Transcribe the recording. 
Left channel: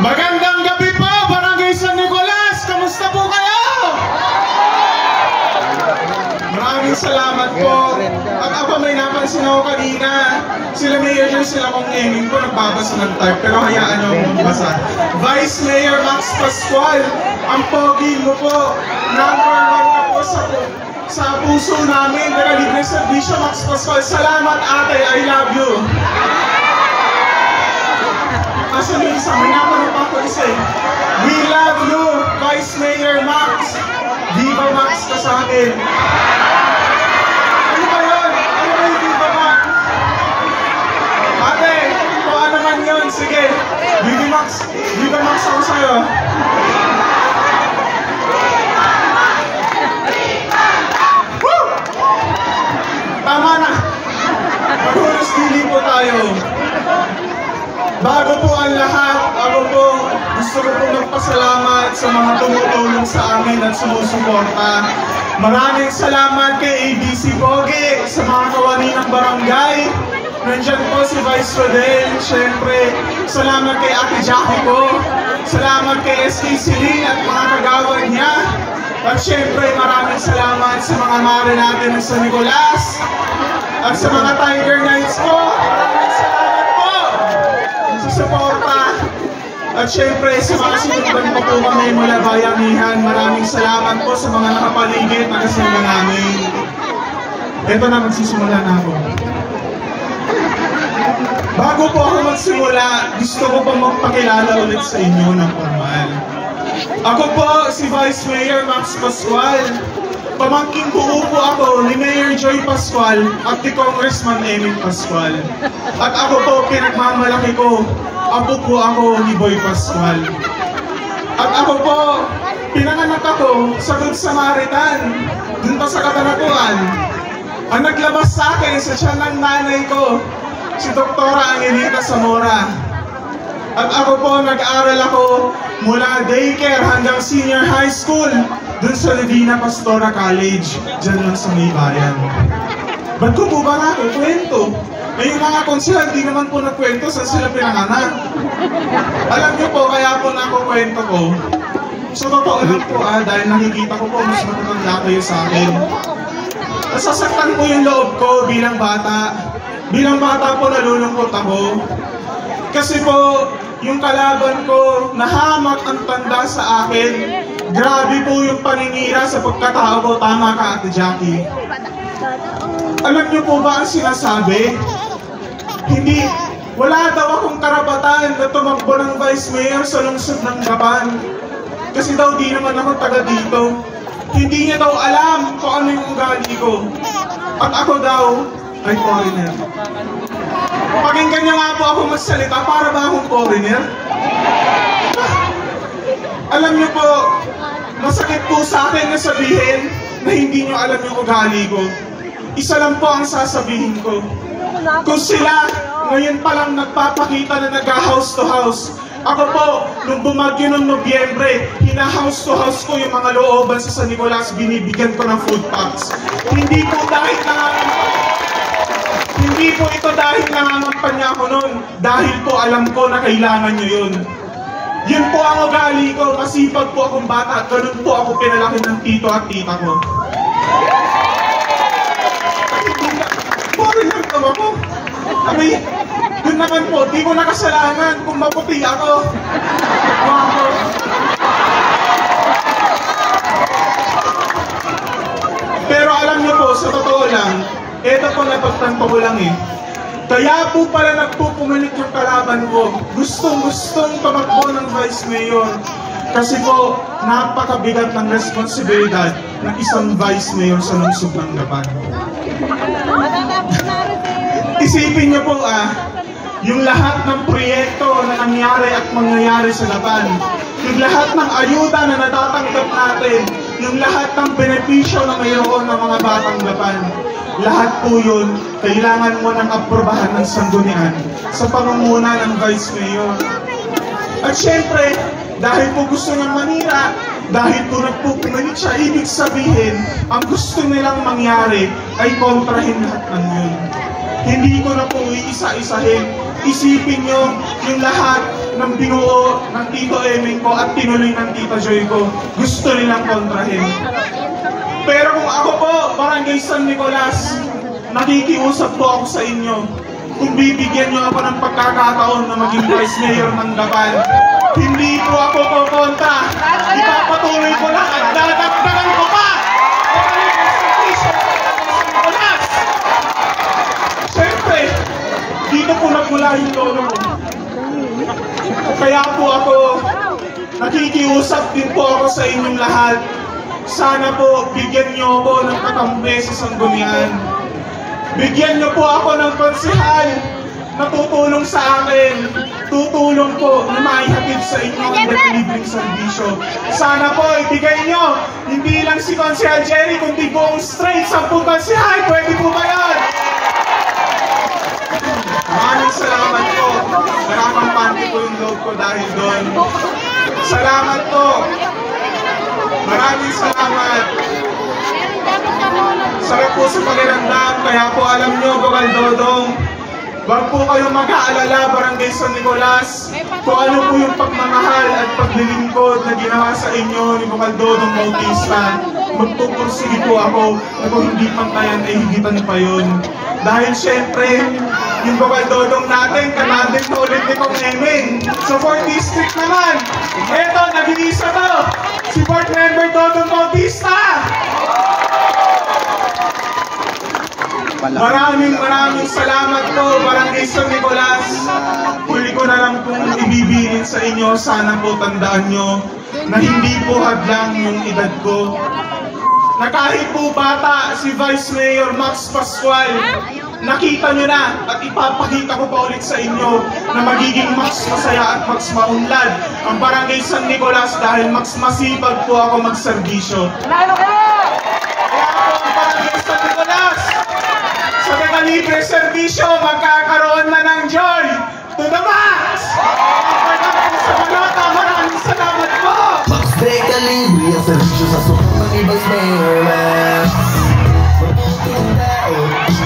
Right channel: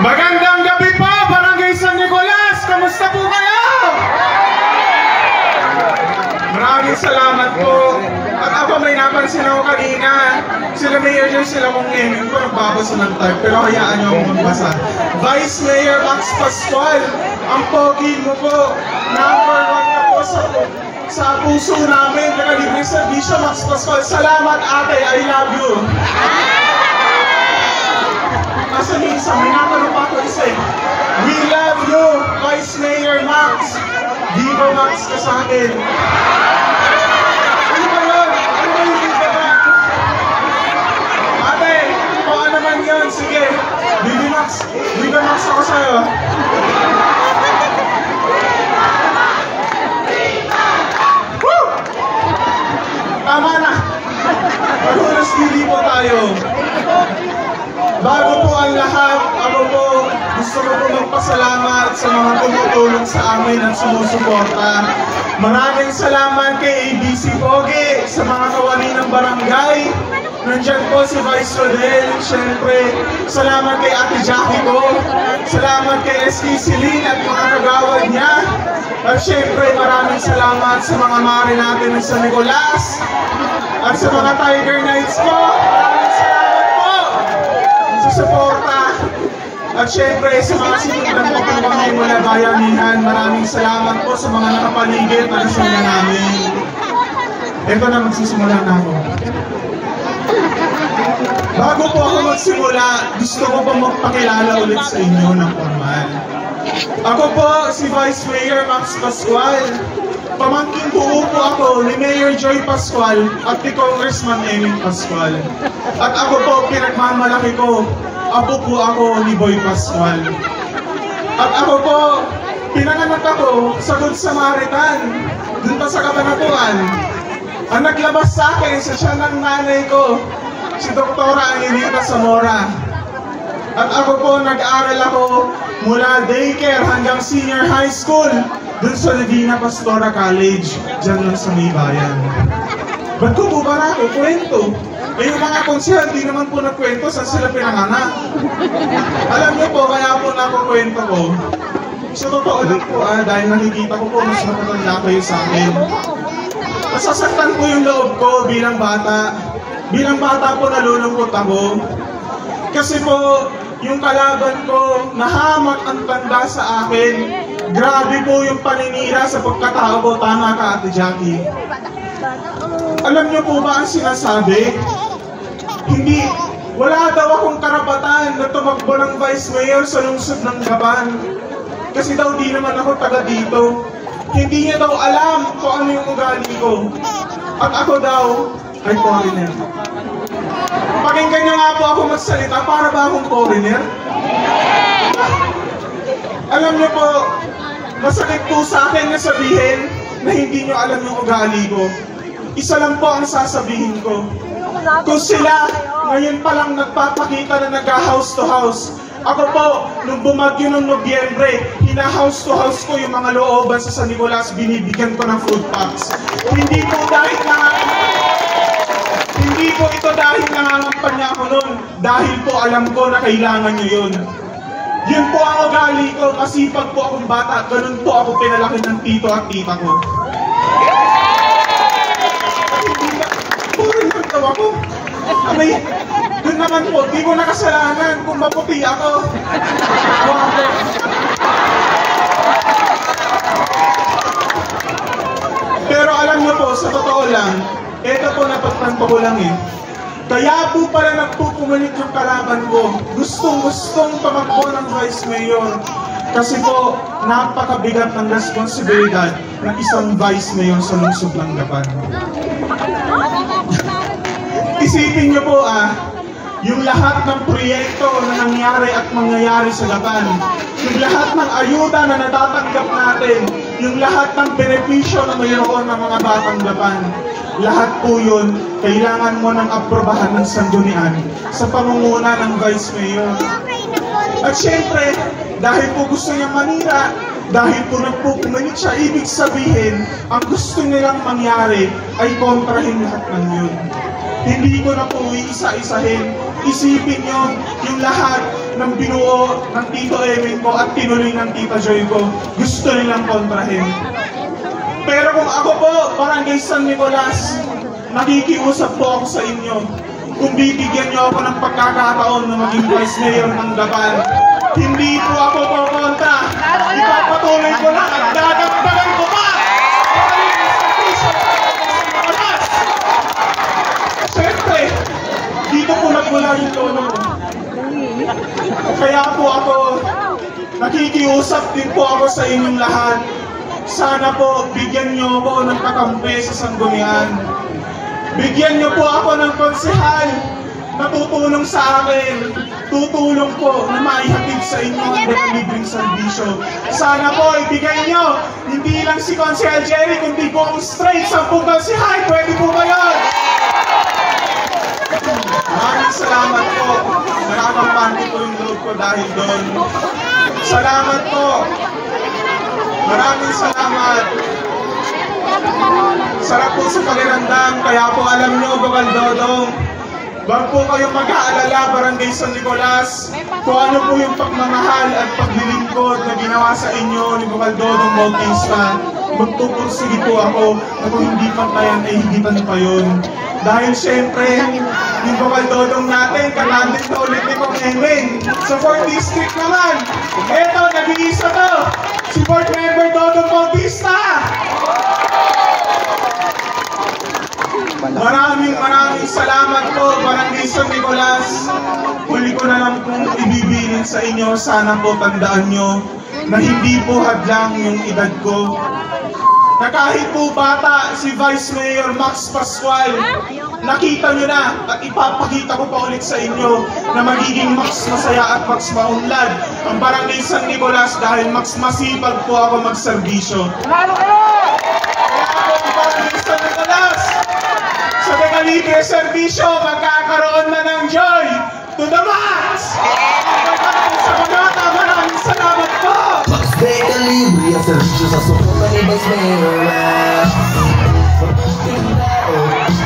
Magandang gabi po, Barangay San Nicolas! Kamusta po kayo? Maraming salamat po. At ako may napansin ako kanina. Sila Mayor nyo, sila kong name ko nagbabasa ng type, pero hayaan nyo akong magbasa. Vice Mayor Max Pascual, ang pogi mo po. Number 1 ka po sa puso namin. Nakalibre servisyo, Max Pascual. Salamat ate, I love you. Asan yung isa? May natanong pa ako isa eh. We love you, Vice Mayor Max. Diva Max ka sa akin. Ano ba yun? Ano ba yung Diva Max? Ate, kung ano man yun, sige. Diva Max ako sa'yo. Woo! Tama na. Magulas dili po tayo. Bago po ang lahat, ako po gusto ko po magpasalamat sa mga tumutulong sa amin at sumusuporta. Maraming salamat kay ABC Pogi, sa mga kawani ng barangay. Nandyan po si Vice Rodel, syempre. Salamat kay Ate Jackie ko. Salamat kay ST Celine at mga kagawad niya. At syempre, maraming salamat sa mga mare natin ng San Nicolas. At sa mga Tiger Knights ko, maraming salamat sa suporta. At syempre sa mga sinuturan ko po kami mula bayanihan, maraming salamat po sa mga nakapaligid na kasama namin. Ito na, magsisimula na ako. Bago po ako magsimula, gusto ko po magpakilala ulit sa inyo ng formal. Ako po si Vice Mayor Max Pascual. Pamangkin buo po ako ni Mayor Joy Pascual at ni Congressman Eming Pascual. At ako po, pinagmamalaki ko, apo po ako ni Boy Pascual. At ako po, pinanganak ako sa Good Samaritan, dun pa sa Kabanatuan. Ang naglabas sa akin sa tiyan ng nanay ko, si Doktora Angelita Zamora. At ako po, nag-aaral ako mula daycare hanggang senior high school dun sa Divina Pastora College, dyan lang sa may bayan. Ba't ko po ba na ako kwento? Eh yung mga konsyel, di naman po nagkwento sa sila pinanganak. Alam niyo po, kaya po nakukwento ko. So totoo lang po dahil nakikita ko po mas matatanda kayo sa akin. Nasasaktan po yung loob ko bilang bata. Bilang bata po nalulungkot ako. Kasi po, yung kalaban ko, nahamak ang tanda sa akin. Grabe po yung paninira sa pagkatao ko. Tama ka, Ate Jackie. Alam niyo po ba ang sinasabi? Hindi, wala daw akong karapatan na tumakbo ng Vice Mayor sa lungsod ng Gapan. Kasi daw di naman ako taga dito. Hindi niya daw alam kung ano yung ugali ko. At ako daw ay foreigner. Pakinggan niyo nga po ako magsalita, para ba akong foreigner? Alam niyo po, masakit po sa akin na sabihin na hindi niyo alam yung ugali ko. Isa lang po ang sasabihin ko. Kung sila ngayon pa lang nagpapakita na nag-house to house, ako po, nung bumagyo ng Nobyembre, hina-house to house ko yung mga looban sa San Nicolas, binibigyan ko ng food packs. Hindi po ito dahil nangangampanya ako noon, dahil po alam ko na kailangan nyo yun. Yun po ang ugali ko, masipag po akong bata, ganun po ako pinalaki ng tito at tita ko. Boring lang daw ako. Abay, yun naman po, di ko nakasalanan kung maputi ako. Pero alam niyo po, sa totoo lang, ito po napagtanto ko lang eh. Kaya po pala nagpupumalit yung kalaban ko. Gustong pamakbo ng Vice Mayor. Kasi po, napakabigat ng responsibilidad ng isang Vice Mayor sa lungsod ng Gapan. Isipin niyo po yung lahat ng proyekto na nangyari at mangyayari sa Gapan, yung lahat ng ayuda na natatanggap natin, yung lahat ng benepisyo na mayroon ng mga batang Gapan, lahat po yun, kailangan mo ng aprobahan ng sanggunian sa pamumuno ng Vice Mayor. At syempre, dahil po gusto niyang manira, dahil po nagpupumalit siya, ibig sabihin, ang gusto nilang mangyari ay kontrahin lahat ng yun. Hindi ko na po iisa-isahin. Isipin niyo yung lahat ng binuo ng Tito Eming ko at tinuloy ng Tita Joy ko, gusto nilang kontrahin. Pero kung ako po, Barangay San Nicolas, nakikiusap po ako sa inyo. Kung bibigyan niyo ako ng pagkakataon na maging Vice Mayor ng Gapan, hindi po ako pokontra. Ipapatuloy ko lang at dadagdagan ko pa! Siyempre, dito po nagmula yung tono ko. Kaya po ako, nakikiusap din po ako sa inyong lahat. Sana po, bigyan niyo ako ng kakampi sa sanggunian. Bigyan niyo po ako ng konsehal na tutulong sa akin. Tutulong po na maihatid sa inyo ang libreng serbisyo. Sana po, ibigay niyo, hindi lang si Konsehal Jerry, kundi po ang straight 10 konsehal. Pwede po ba yun? Maraming salamat po. Nakakampante po yung loob ko dahil doon. Salamat po. Maraming salamat. Sarap po sa pakiramdam. Kaya po alam nyo, Bakal Dodong, wag po kayong mag-aalala, Barangay San Nicolas, kung ano po yung pagmamahal at paglilingkod na ginawa sa inyo ni Bakal Dodong Bautista. Magtupursige po ako na kung hindi pantayan ay higitan pa yun. Dahil syempre, yung Bakal Dodong natin, kanandit na ulit ni Kong Eming. So 4th District naman, eto, nabilisa to, si Board Member Dodong Bautista. Maraming salamat po, Barangay San Nicolas. Huli ko na lang pong ibibilin sa inyo, sana po tandaan nyo na hindi po hadlang yung edad ko. Na kahit po bata si Vice Mayor Max Pascual, nakita nyo na at ipapakita ko pa ulit sa inyo na magiging mas masaya at mas maunlad ang Barangay San Nicolas dahil mas masipag po ako magserbisyo. Kaya po ang Barangay San Nicolas, sa Megalibre Servisyo, magkakaroon na ng joy to the max! Sa Manota, maraming salamat po! Megalibre ang servisyo sa suko ni Vice Mayor.